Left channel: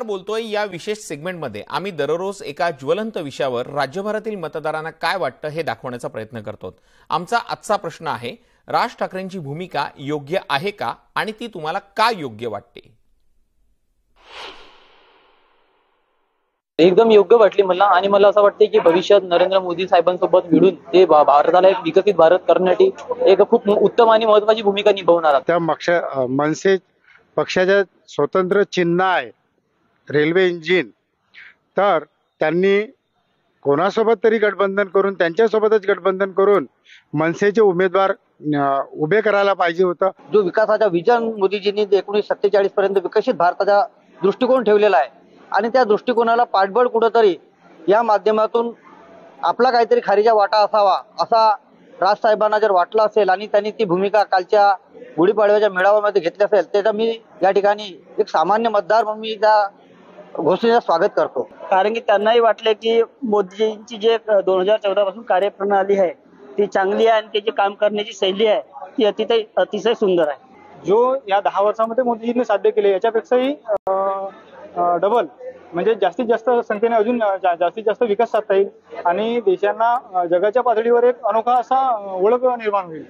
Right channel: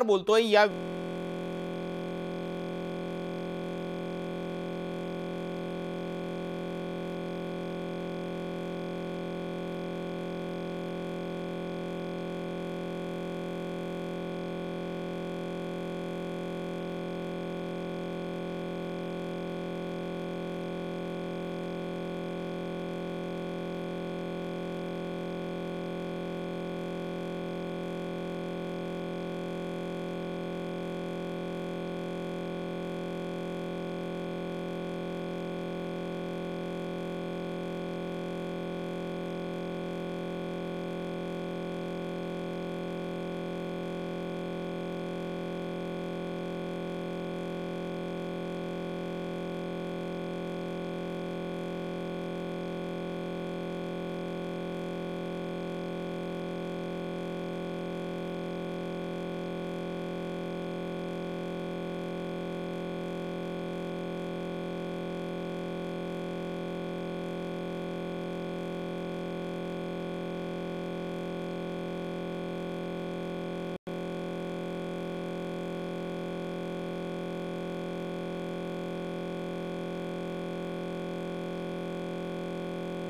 नमस्कार बोलतोय या विशेष सेगमेंटमध्ये आम्ही दररोज एका ज्वलंत विषयावर राज्यभरातील मतदारांना काय वाटतं हे दाखवण्याचा प्रयत्न करतो। आमचा आजचा प्रश्न आहे, राज ठाकरेंची भूमिका योग्य आहे का आणि ती तुम्हाला का योग्य वाटते? एकदम योग्य वाटली मला आणि मला असं वाटते की भविष्यात नरेंद्र मोदी साहेबांसोबत मिळून ते भारताला एक विकसित भारत करण्यासाठी एक खूप उत्तम आणि महत्त्वाची भूमिका निभावणार आहेत। त्या मनसे पक्षाच्या स्वतंत्र चिन्ह आहे रेल्वे इंजिन, तर त्यांनी कोणासोबत तरी गठबंधन करून त्यांच्यासोबतच गठबंधन करून मनसेचे उमेदवार उभे करायला पाहिजे होतं। जो विकासाचा विजन मोदीजींनी 1947 पर्यंत विकसित भारताचा दृष्टिकोन ठेवलेला आहे आणि त्या दृष्टिकोनाला पाठबळ कुठेतरी या माध्यमातून आपला काहीतरी खारीचा वाटा असावा असा राजसाहेबांना जर वाटलं असेल आणि त्यांनी ती भूमिका कालच्या गुढीपाडव्याच्या मेळाव्यामध्ये घेतली असेल त्याचा मी या ठिकाणी एक सामान्य मतदार म्हणून मी त्या घोषणेचं स्वागत करतो। कारण की त्यांनाही वाटले की मोदीजींची जे 2014 पासून कार्यप्रणाली आहे ती चांगली आहे आणि त्याची काम करण्याची शैली आहे ती अतिशय सुंदर आहे। जो या 10 वर्षामध्ये मोदीजींनी साध्य केले याच्यापेक्षाही डबल म्हणजे जास्तीत जास्त संख्येने अजून जास्तीत जास्त विकास साधता येईल आणि देशांना जगाच्या पातळीवर एक अनोखा असा ओळख निर्माण होईल।